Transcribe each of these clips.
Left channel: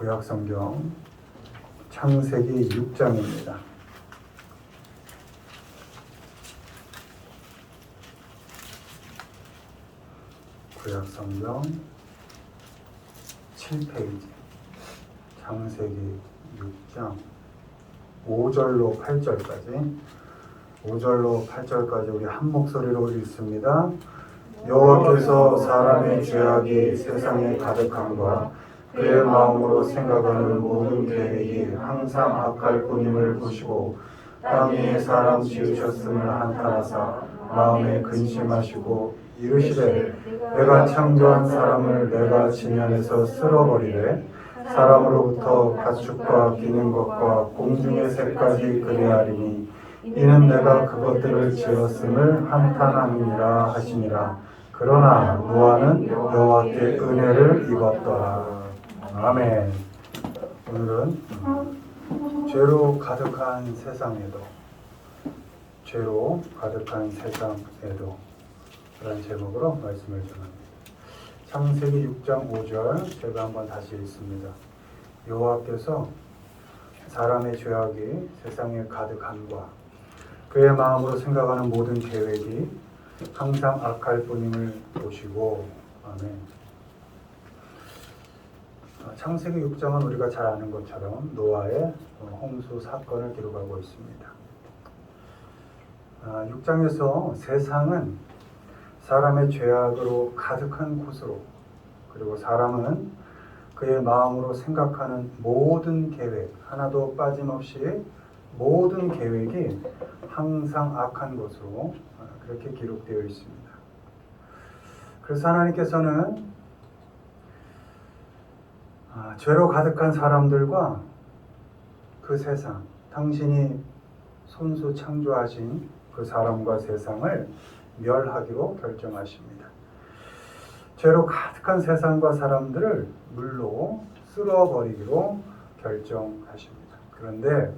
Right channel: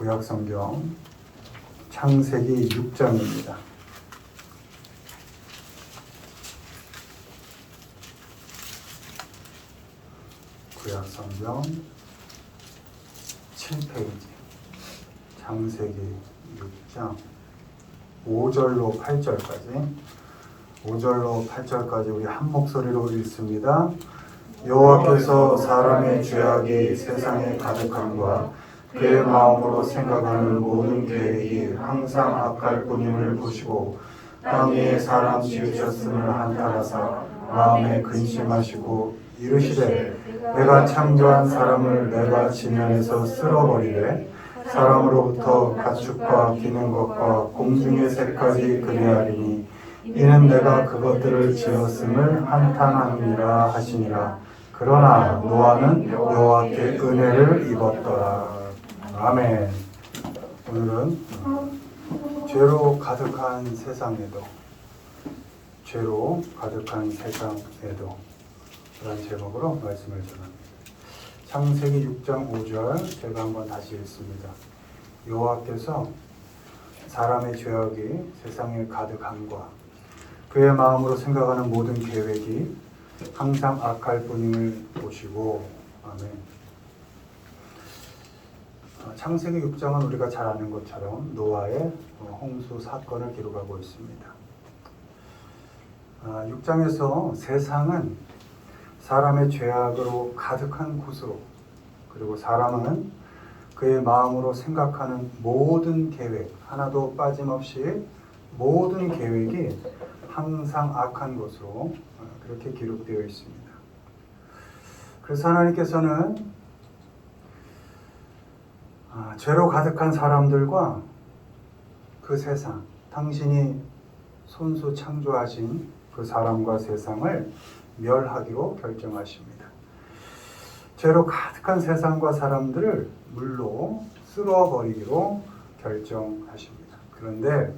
구약성경 창세기 6장입니다. 구약성경 7페이지 창세기 6장 5절로 8절까지 5절로 8절까지 우리 한 목소리로 읽습니다. 여호와께서 사람의 죄악이 세상에 가득함과 그의 마음으로 생각하는 모든 계획이 항상 악할 뿐임을 보시고 땅 위에 사람 지으셨음을 한탄하사 마음에 근심하시고 이르시되 내가 창조한 사람을 내가 지면에서 쓸어버리되 사람으로부터 가축과 기는 것과 공중의 새까지 그리하리니 이는 내가 그것들을 지었음을 한탄함이니라 하시니라. 그러나 노아는 여호와께 은혜를 입었더라. 아멘. 오늘은 죄로 가득한 세상에도 그런 제목으로 말씀을 전합니다. 창세기 6장 5절 제가 한번 다시 읽습니다. 여호와께서 사람의 죄악이 세상에 가득함과 그의 마음으로 생각하는 모든 계획이 항상 악할 뿐임을 보시고. 아멘. 창세기 6장은 우리가 잘 아는 것처럼 노아의 홍수 사건을 기록하고 있습니다. 6장에서 세상은 사람의 죄악으로 가득한 곳으로, 그리고 사람은 그의 마음으로 생각하는 모든 계획, 하나도 빠짐없이 모든 계획이 항상 악한 것으로 그렇게 기록되어 있습니다. 그래서 하나님께서는 죄로 가득한 사람들과 그 세상, 당신이 손수 창조하신 그 사람과 세상을 멸하기로 결정하십니다. 죄로 가득한 세상과 사람들을 물로 쓸어버리기로 결정하십니다. 그런데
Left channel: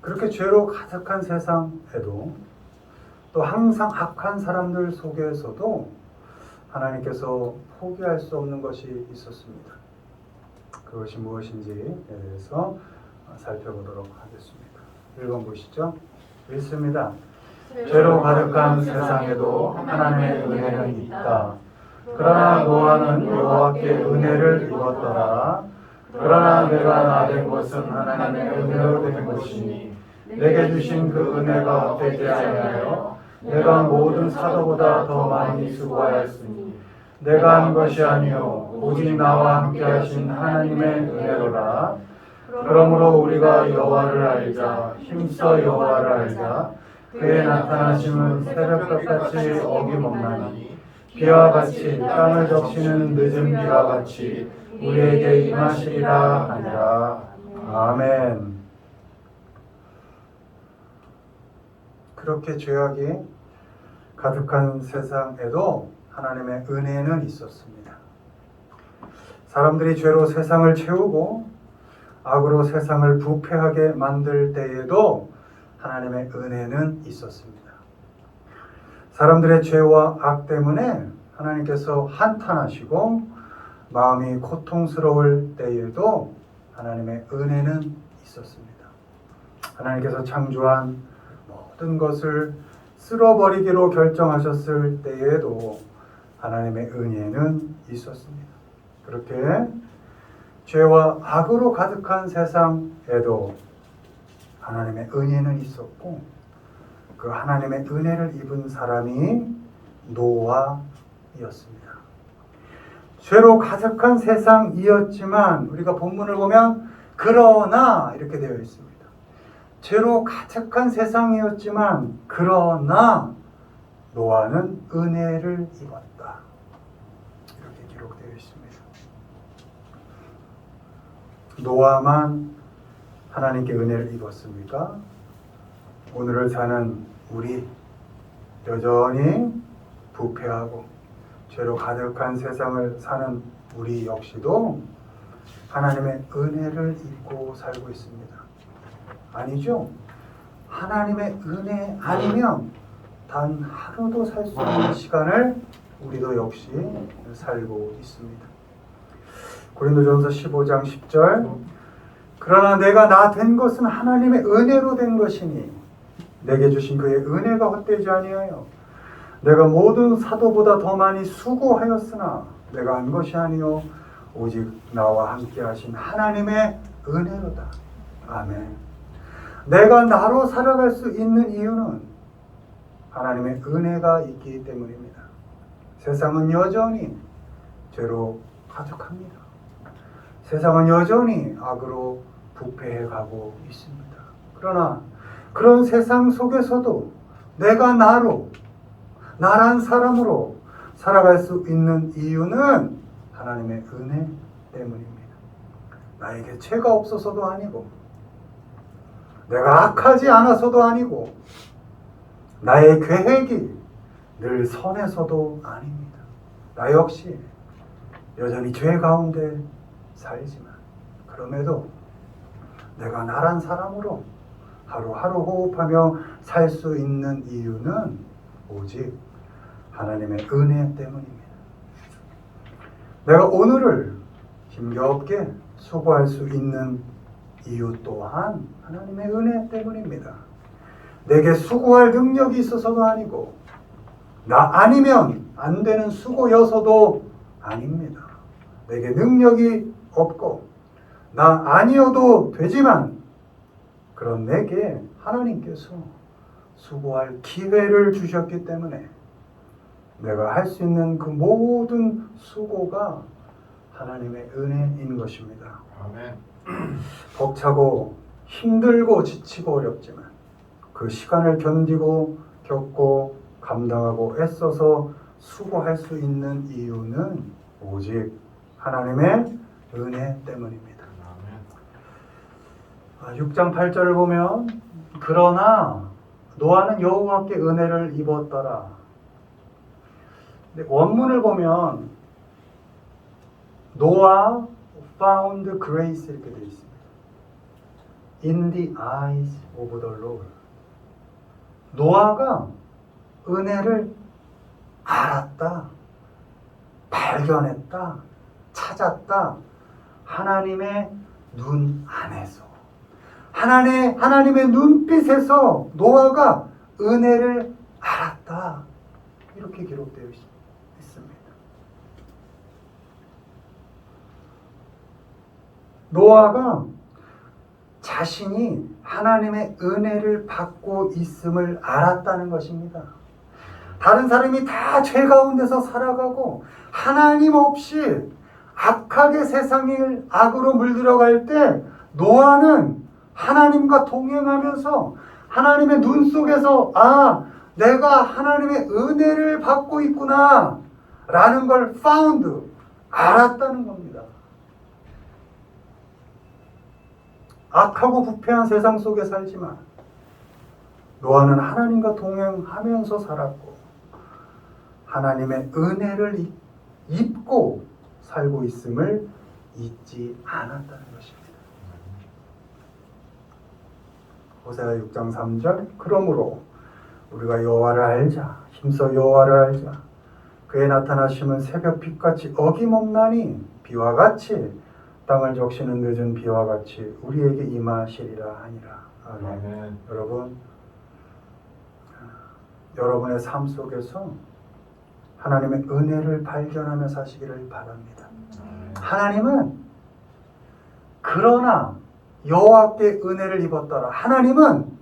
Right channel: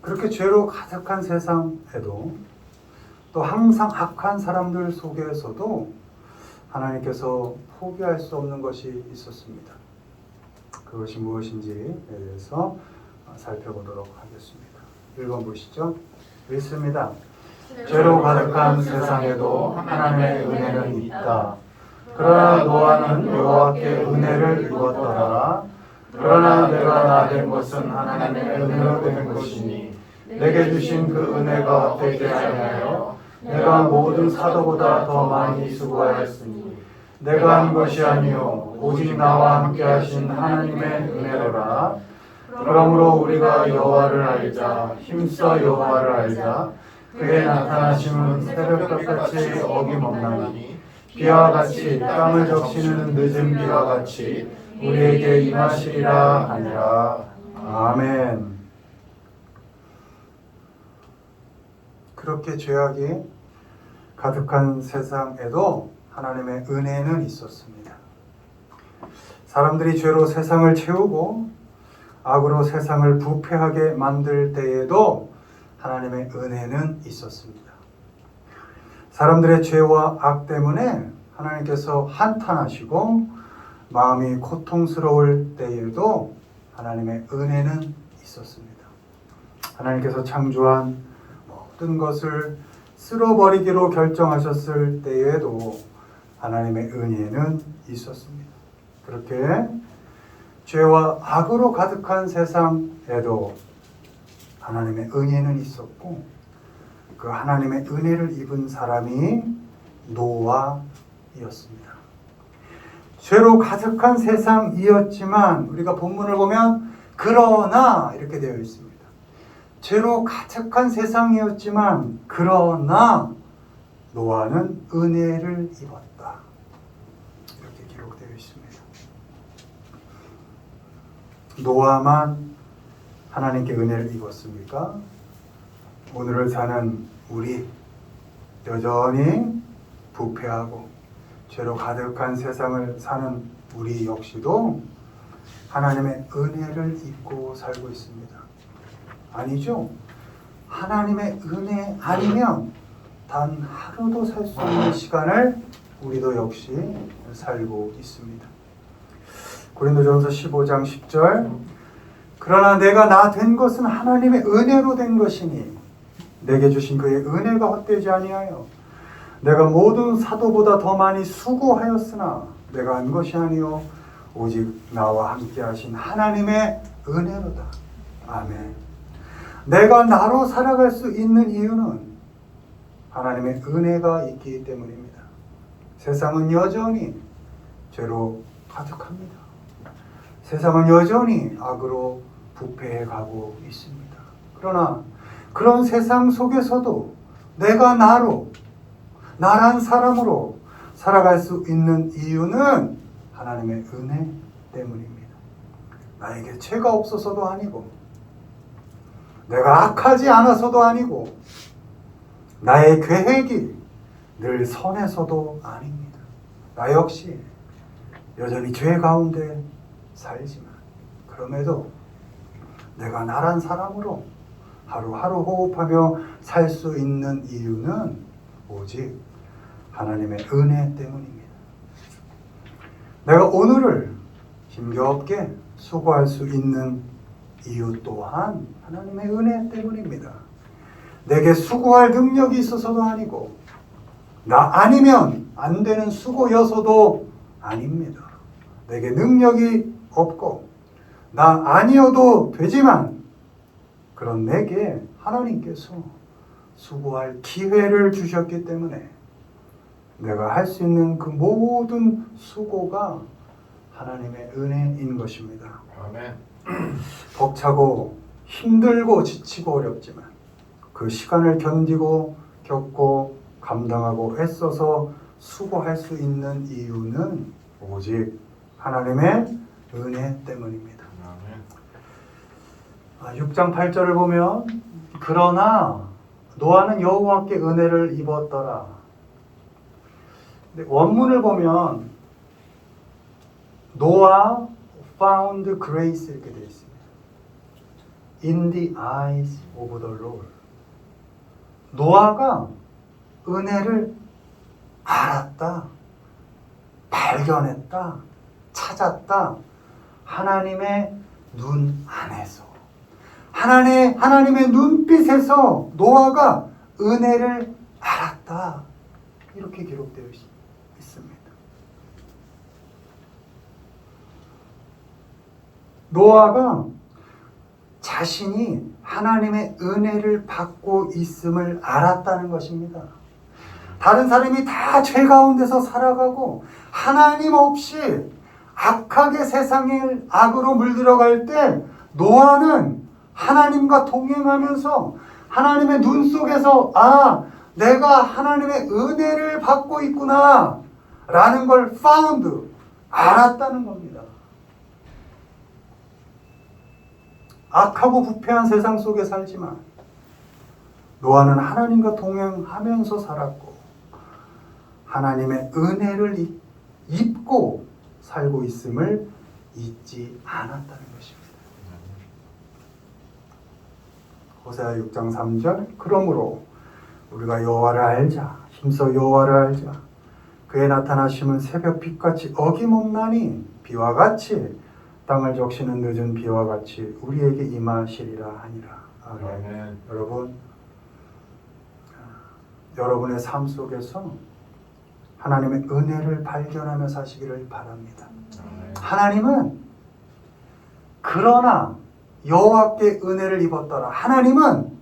그렇게 죄로 가득한 세상에도 또 항상 악한 사람들 속에서도 하나님께서 포기할 수 없는 것이 있었습니다. 그것이 무엇인지에 대해서 살펴보도록 하겠습니다. 읽어보시죠. 읽습니다. 죄로 가득한 세상에도 하나님의 은혜는 있다. 그러나 노아는 여호와께 은혜를 입었더라. 그러나 내가 나된 것은 하나님의 은혜로 된 것이니 내게 주신 그 은혜가 되지 아니하여 내가 모든 사도보다 더 많이 수고하였으니 내가 한 것이 아니요 오직 나와 함께 하신 하나님의 은혜로라. 그러므로 우리가 여호와를 알자, 힘써 여호와를 알자. 그의 나타나심은 새벽같이 어김없나니 비와 같이 땅을 적시는 늦은 비와 같이 우리에게 임하시리라 하니라. 아멘. 그렇게 죄악이 가득한 세상에도 하나님의 은혜는 있었습니다. 사람들이 죄로 세상을 채우고 악으로 세상을 부패하게 만들 때에도 하나님의 은혜는 있었습니다. 사람들의 죄와 악 때문에 하나님께서 한탄하시고 마음이 고통스러울 때에도 하나님의 은혜는 있었습니다. 하나님께서 창조한 모든 것을 쓸어버리기로 결정하셨을 때에도 하나님의 은혜는 있었습니다. 그렇게 죄와 악으로 가득한 세상에도 하나님의 은혜는 있었고, 그 하나님의 은혜를 입은 사람이 노아이었습니다. 죄로 가득한 세상이었지만 우리가 본문을 보면 그러나 이렇게 되어 있습니다. 죄로 가득한 세상이었지만 그러나 노아는 은혜를 입었다. 이렇게 기록되어 있습니다. 노아만 하나님께 은혜를 입었습니까? 오늘을 사는 우리 여전히 부패하고 죄로 가득한 세상을 사는 우리 역시도 하나님의 은혜를 입고 살고 있습니다. 아니죠? 하나님의 은혜 아니면 단 하루도 살 수 없는 시간을 우리도 역시 살고 있습니다. 고린도전서 15장 10절 그러나 내가 나 된 것은 하나님의 은혜로 된 것이니 내게 주신 그의 은혜가 헛되지 아니하여 내가 모든 사도보다 더 많이 수고하였으나 내가 한 것이 아니요 오직 나와 함께 하신 하나님의 은혜로다. 아멘. 내가 나로 살아갈 수 있는 이유는 하나님의 은혜가 있기 때문입니다. 세상은 여전히 죄로 가득합니다. 세상은 여전히 악으로 부패해 가고 있습니다. 그러나 그런 세상 속에서도 내가 나란 사람으로 살아갈 수 있는 이유는 하나님의 은혜 때문입니다. 나에게 죄가 없어서도 아니고 내가 악하지 않아서도 아니고 나의 계획이 늘 선해서도 아닙니다. 나 역시 여전히 죄 가운데 살지만 그럼에도 내가 나란 사람으로 하루하루 호흡하며 살 수 있는 이유는 오직 하나님의 은혜 때문입니다. 내가 오늘을 힘겹게 수고할 수 있는 이유 또한 하나님의 은혜 때문입니다. 내게 수고할 능력이 있어서도 아니고 나 아니면 안 되는 수고여서도 아닙니다. 내게 능력이 없고 나 아니어도 되지만 그런 내게 하나님께서 수고할 기회를 주셨기 때문에 내가 할 수 있는 그 모든 수고가 하나님의 은혜인 것입니다. 아멘. 벅차고 힘들고 지치고 어렵지만 그 시간을 견디고 겪고 감당하고 애써서 수고할 수 있는 이유는 오직 하나님의 은혜 때문입니다. 6장 8절을 보면 그러나 노아는 여호와께 은혜를 입었더라. 근데 원문을 보면 노아 found grace 이렇게 되어 있습니다. In the eyes of the Lord. 노아가 은혜를 알았다, 발견했다, 찾았다. 하나님의 눈 안에서. 하나님의 눈빛에서 노아가 은혜를 알았다. 이렇게 기록되어 있습니다. 노아가 자신이 하나님의 은혜를 받고 있음을 알았다는 것입니다. 다른 사람이 다 죄 가운데서 살아가고 하나님 없이 악하게 세상을 악으로 물들어갈 때 노아는 하나님과 동행하면서 하나님의 눈 속에서 내가 하나님의 은혜를 받고 있구나 라는 걸 found, 알았다는 겁니다. 악하고 부패한 세상 속에 살지만 노아는 하나님과 동행하면서 살았고 하나님의 은혜를 입고 살고 있음을 잊지 않았다는 것입니다. 호세아 6장 3절 그러므로 우리가 여호와를 알자 힘써 여호와를 알자 그의 나타나심은 새벽 빛같이 어김없나니 비와 같이 땅을 적시는 늦은 비와 같이 우리에게 임하시리라 하니라. 아멘. 여러분의 삶 속에서 하나님의 은혜를 발견하며 사시기를 바랍니다. 하나님은 그러나 여호와께 은혜를 입었더라. 하나님은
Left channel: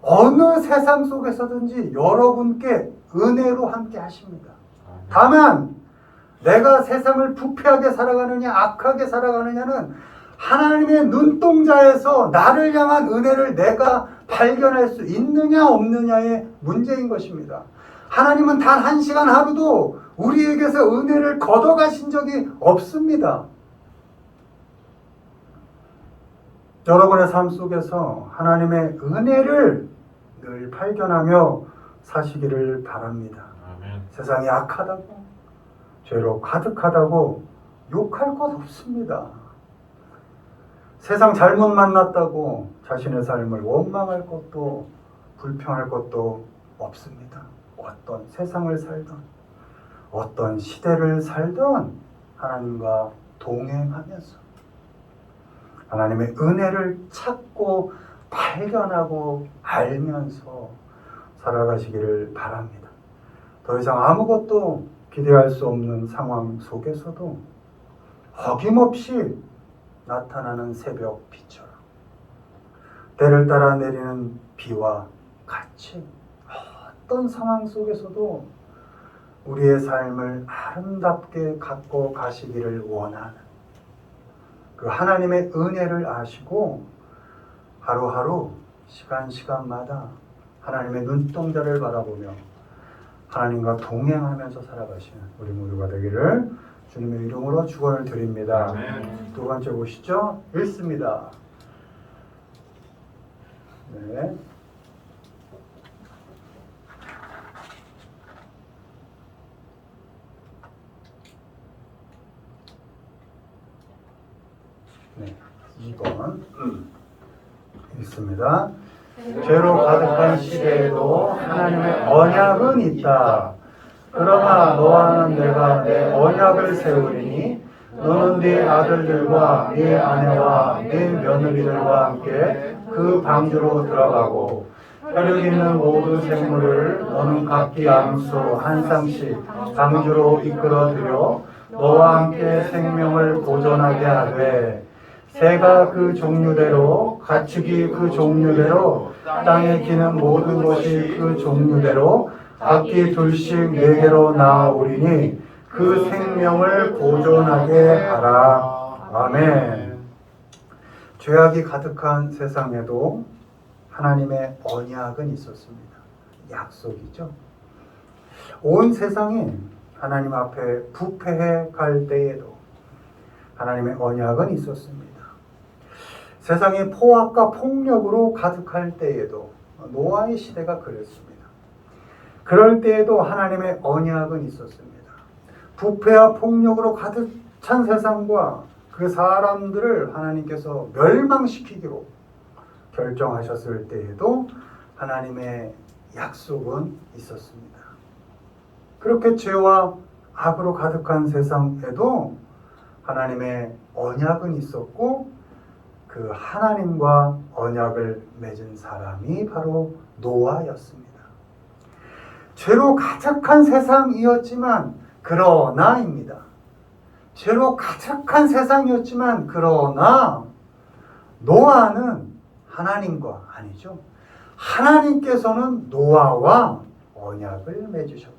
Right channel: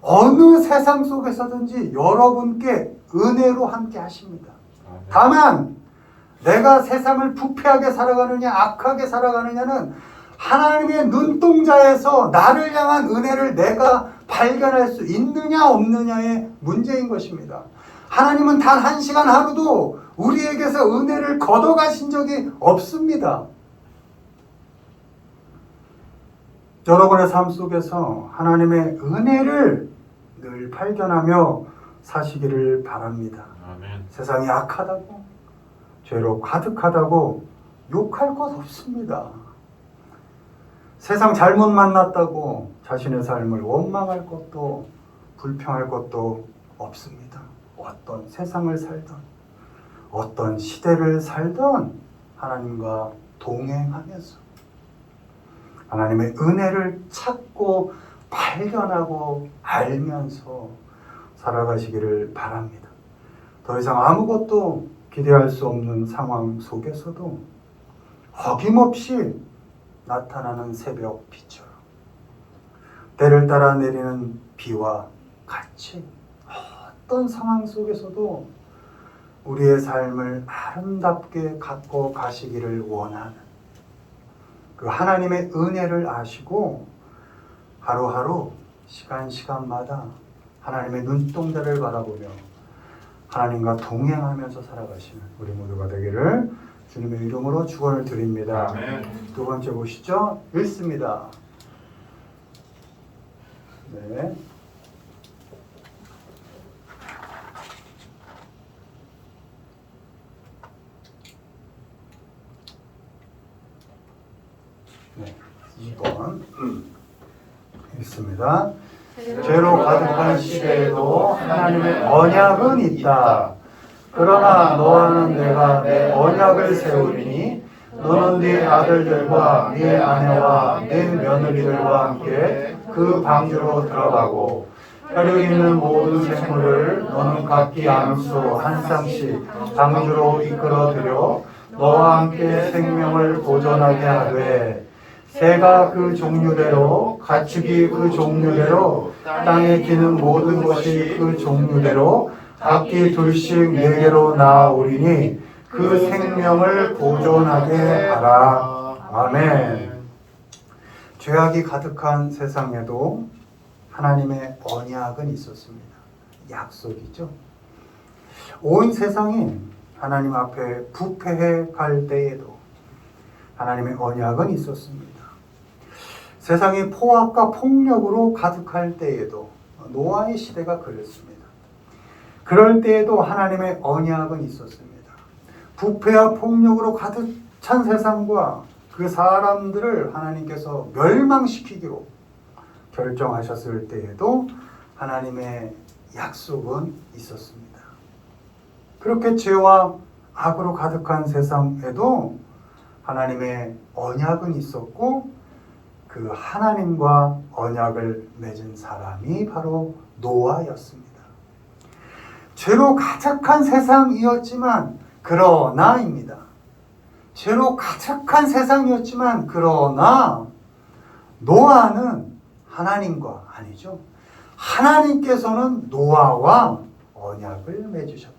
어느 세상 속에서든지 여러분께 은혜로 함께 하십니다. 다만 내가 세상을 부패하게 살아가느냐 악하게 살아가느냐는 하나님의 눈동자에서 나를 향한 은혜를 내가 발견할 수 있느냐 없느냐의 문제인 것입니다. 하나님은 단 한 시간 하루도 우리에게서 은혜를 걷어가신 적이 없습니다. 여러분의 삶 속에서 하나님의 은혜를 늘 발견하며 사시기를 바랍니다. 아멘. 세상이 악하다고 죄로 가득하다고 욕할 것 없습니다. 세상 잘못 만났다고 자신의 삶을 원망할 것도 불평할 것도 없습니다. 어떤 세상을 살던 어떤 시대를 살던 하나님과 동행하면서 하나님의 은혜를 찾고 발견하고 알면서 살아가시기를 바랍니다. 더 이상 아무것도 기대할 수 없는 상황 속에서도 어김없이 나타나는 새벽 빛처럼 때를 따라 내리는 비와 같이 어떤 상황 속에서도 우리의 삶을 아름답게 갖고 가시기를 원하는 그 하나님의 은혜를 아시고 하루하루 시간마다 하나님의 눈동자를 바라보며 하나님과 동행하면서 살아가시는 우리 모두가 되기를 주님의 이름으로 축원을 드립니다. 아멘. 두 번째 보시죠. 읽습니다. 네. 네, 2번 읽습니다. 죄로 가득한 시대에도 하나님의 언약은 있다. 그러나 너와는 내가 내 언약을 세우리니 너는 네 아들들과 네 아내와 네 며느리들과 함께 그 방주로 들어가고 혈육 있는 모든 생물을 너는 각기 양수 한 쌍씩 방주로 이끌어들여 너와 함께 생명을 보존하게 하되 새가 그 종류대로 가축이 그 종류대로 땅에 기는 모든 것이 그 종류대로 각기 둘씩 내게로 나아오리니 그 생명을 보존하게 하라. 아멘. 죄악이 가득한 세상에도 하나님의 언약은 있었습니다. 약속이죠. 온 세상이 하나님 앞에 부패해 갈 때에도 하나님의 언약은 있었습니다. 세상이 포악과 폭력으로 가득할 때에도 노아의 시대가 그랬습니다. 그럴 때에도 하나님의 언약은 있었습니다. 부패와 폭력으로 가득 찬 세상과 그 사람들을 하나님께서 멸망시키기로 결정하셨을 때에도 하나님의 약속은 있었습니다. 그렇게 죄와 악으로 가득한 세상에도 하나님의 언약은 있었고 그 하나님과 언약을 맺은 사람이 바로 노아였습니다. 죄로 가득한 세상이었지만 그러나입니다. 죄로 가득한 세상이었지만 그러나 노아는 하나님과 아니죠. 하나님께서는 노아와 언약을 맺으셨다.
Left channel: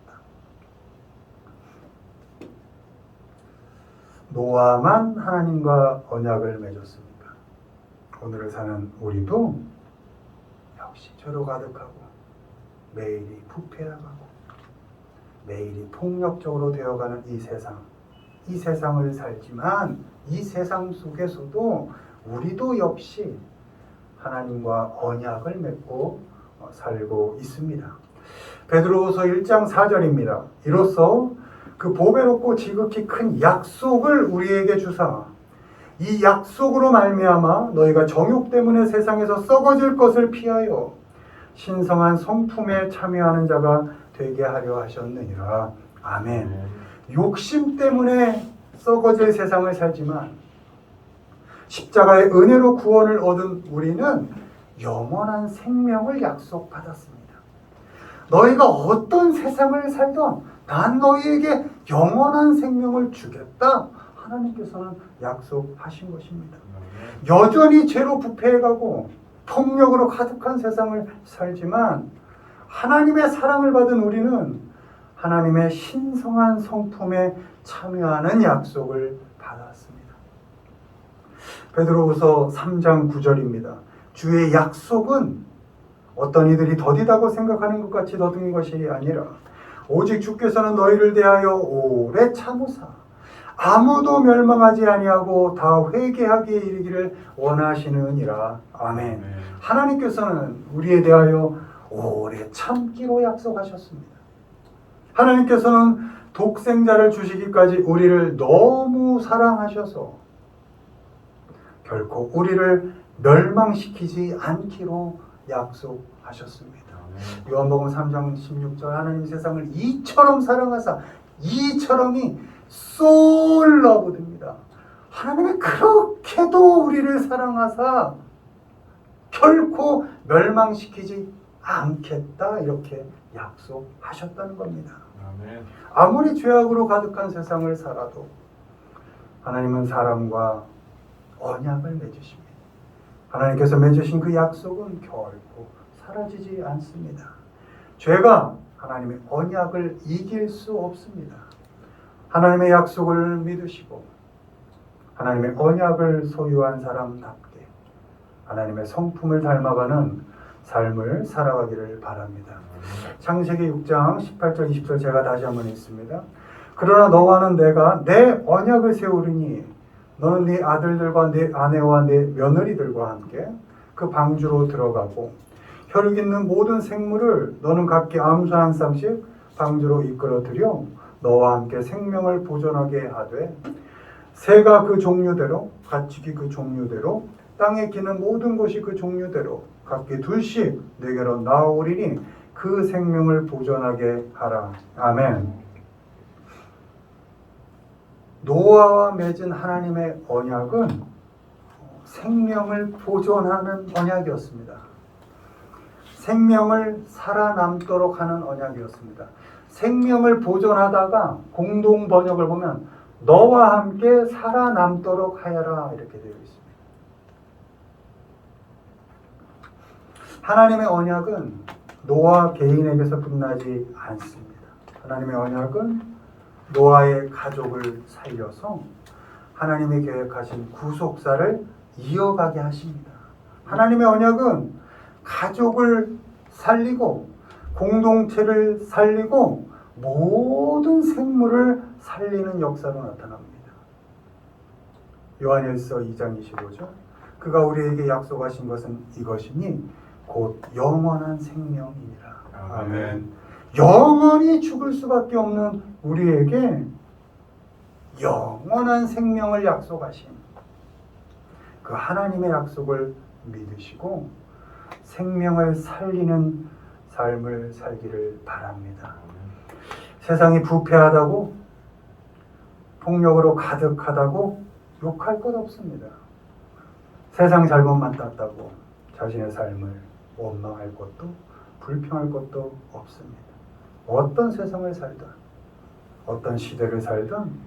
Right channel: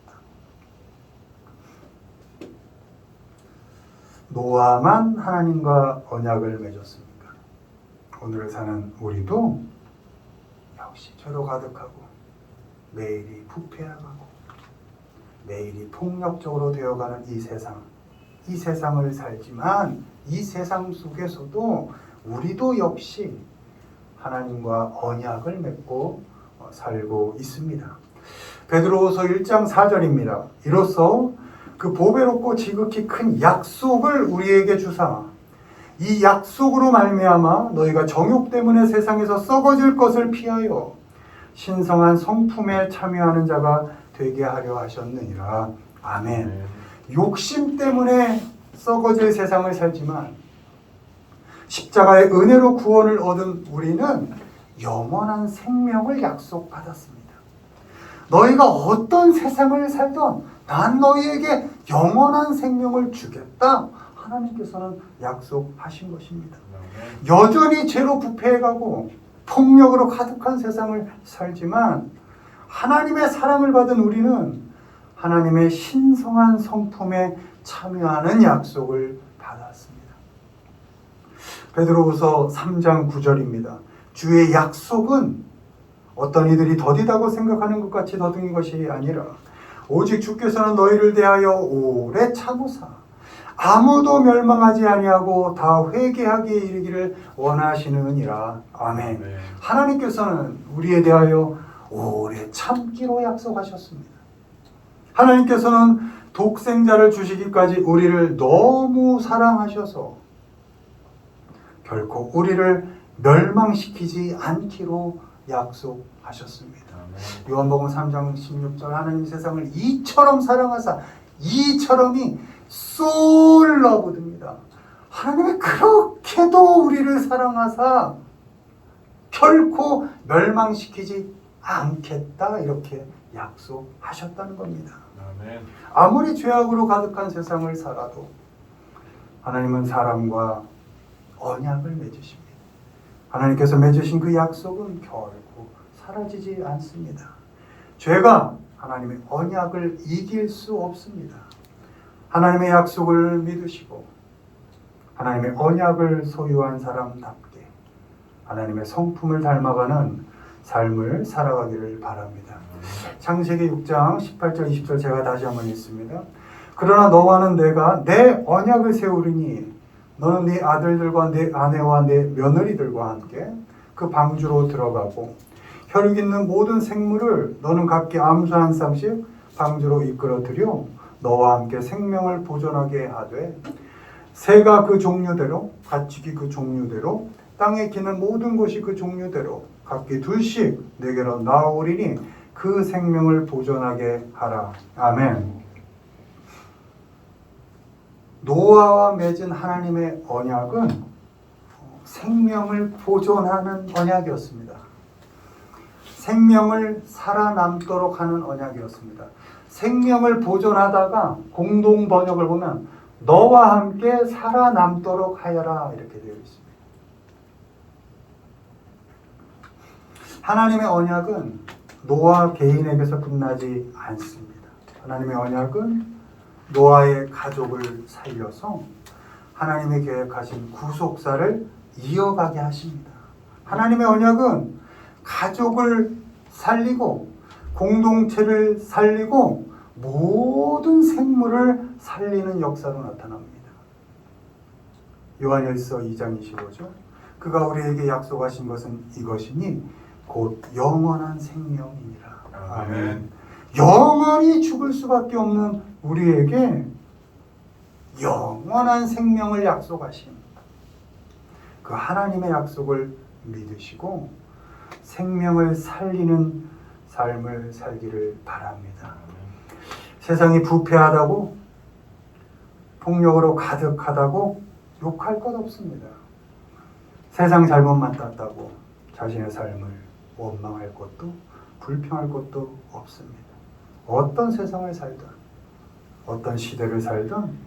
노아만 하나님과 언약을 맺었습니까? 오늘을 사는 우리도 역시 죄로 가득하고 매일이 부패하고 매일이 폭력적으로 되어가는 이 세상을 살지만 이 세상 속에서도 우리도 역시 하나님과 언약을 맺고 살고 있습니다. 베드로후서 1장 4절입니다. 이로써 그 보배롭고 지극히 큰 약속을 우리에게 주사 이 약속으로 말미암아 너희가 정욕 때문에 세상에서 썩어질 것을 피하여 신성한 성품에 참여하는 자가 되게 하려 하셨느니라. 아멘. 욕심 때문에 썩어질 세상을 살지만 십자가의 은혜로 구원을 얻은 우리는 영원한 생명을 약속받았습니다. 너희가 어떤 세상을 살던 난 너희에게 영원한 생명을 주겠다. 하나님께서는 약속하신 것입니다. 여전히 죄로 부패해가고 폭력으로 가득한 세상을 살지만 하나님의 사랑을 받은 우리는 하나님의 신성한 성품에 참여하는 약속을 받았습니다. 베드로후서 3장 9절입니다. 주의 약속은 어떤 이들이 더디다고 생각하는 것 같이 더딘 것이 아니라 오직 주께서는 너희를 대하여 오래 참으사 아무도 멸망하지 아니하고 다 회개하기에 이르기를 원하시느니라. 아멘. 하나님께서는 우리에 대하여 오래 참기로 약속하셨습니다. 하나님께서는 독생자를 주시기까지 우리를 너무 사랑하셔서 결코 우리를 멸망시키지 않기로 약속하셨습니다. 요한복음 3장 16절 하나님 세상을 이처럼 사랑하사 이처럼이 so loved입니다. 하나님이 그렇게도 우리를 사랑하사 결코 멸망시키지 않겠다 이렇게 약속하셨다는 겁니다. 아멘. 아무리 죄악으로 가득한 세상을 살아도 하나님은 사람과 언약을 맺으십니다. 하나님께서 맺으신 그 약속은 결코 사라지지 않습니다. 죄가 하나님의 언약을 이길 수 없습니다. 하나님의 약속을 믿으시고 하나님의 언약을 소유한 사람답게 하나님의 성품을 닮아가는 삶을 살아가기를 바랍니다. 창세기 6장 18절 20절 제가 다시 한번 읽습니다. 그러나 너와는 내가 내 언약을 세우리니 너는 네 아들들과 네 아내와 네 며느리들과 함께 그 방주로 들어가고 혈육 있는 모든 생물을 너는 각기 암수 한 쌍씩 방주로 이끌어들여 너와 함께 생명을 보존하게 하되 새가 그 종류대로 가축이 그 종류대로 땅에 기는 모든 것이 그 종류대로 각기 둘씩 내게로 나오리니 그 생명을 보존하게 하라. 아멘. 노아와 맺은 하나님의 언약은 생명을 보존하는 언약이었습니다. 생명을 살아남도록 하는 언약이었습니다. 생명을 보존하다가 공동 번역을 보면 너와 함께 살아남도록 하여라 이렇게 되어 있습니다. 하나님의 언약은 노아 개인에게서 끝나지 않습니다. 하나님의 언약은 노아의 가족을 살려서 하나님의 계획하신 구속사를 이어가게 하십니다. 하나님의 언약은 가족을 살리고 공동체를 살리고 모든 생물을 살리는 역사로 나타납니다. 요한일서 2장 25절 그가 우리에게 약속하신 것은 이것이니 곧 영원한 생명이니라. 아멘. 영원히 죽을 수밖에 없는 우리에게 영원한 생명을 약속하신 그 하나님의 약속을 믿으시고 생명을 살리는 삶을 살기를 바랍니다. 세상이 부패하다고 폭력으로 가득하다고 욕할 것 없습니다. 세상 잘못만 땄다고 자신의 삶을 원망할 것도 불평할 것도 없습니다. 어떤 세상을 살든 어떤 시대를 살든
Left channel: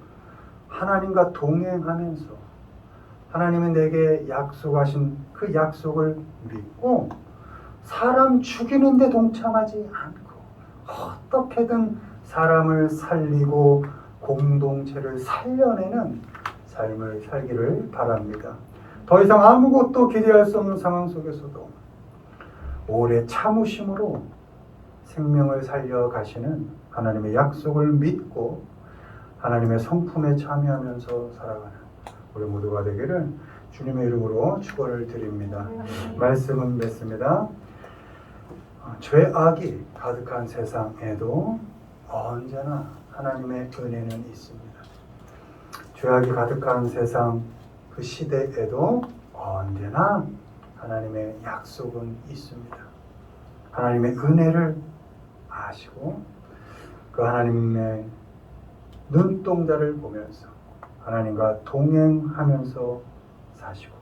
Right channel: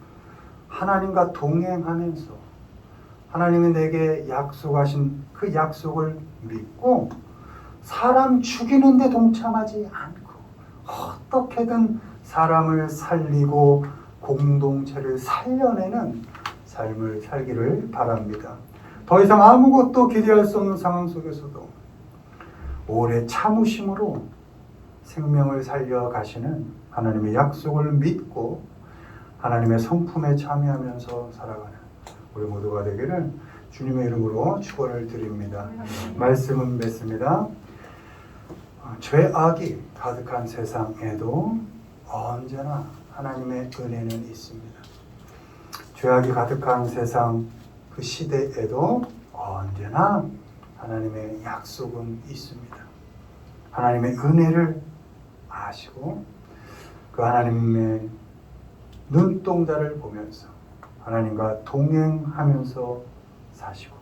하나님과 동행하면서 하나님이 내게 약속하신 그 약속을 믿고 사람 죽이는 데 동참하지 않고 어떻게든 사람을 살리고 공동체를 살려내는 삶을 살기를 바랍니다. 더 이상 아무것도 기대할 수 없는 상황 속에서도 오래 참으심으로 생명을 살려 가시는 하나님의 약속을 믿고 하나님의 성품에 참여하면서 살아가는 우리 모두가 되기를 주님의 이름으로 축원을 드립니다. 말씀은 맺습니다. 죄악이 가득한 세상에도 언제나 하나님의 은혜는 있습니다. 죄악이 가득한 세상 그 시대에도 언제나 하나님의 약속은 있습니다. 하나님의 은혜를 아시고 그 하나님의 눈동자를 보면서 하나님과 동행하면서 사시고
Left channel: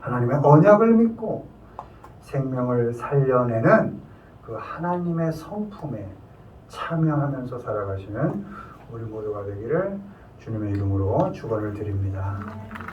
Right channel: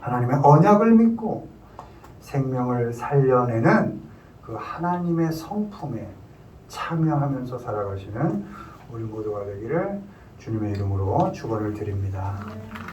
하나님의 언약을 믿고 생명을 살려내는 그 하나님의 성품에 참여하면서 살아가시는 우리 모두가 되기를 주님의 이름으로 축원을 드립니다.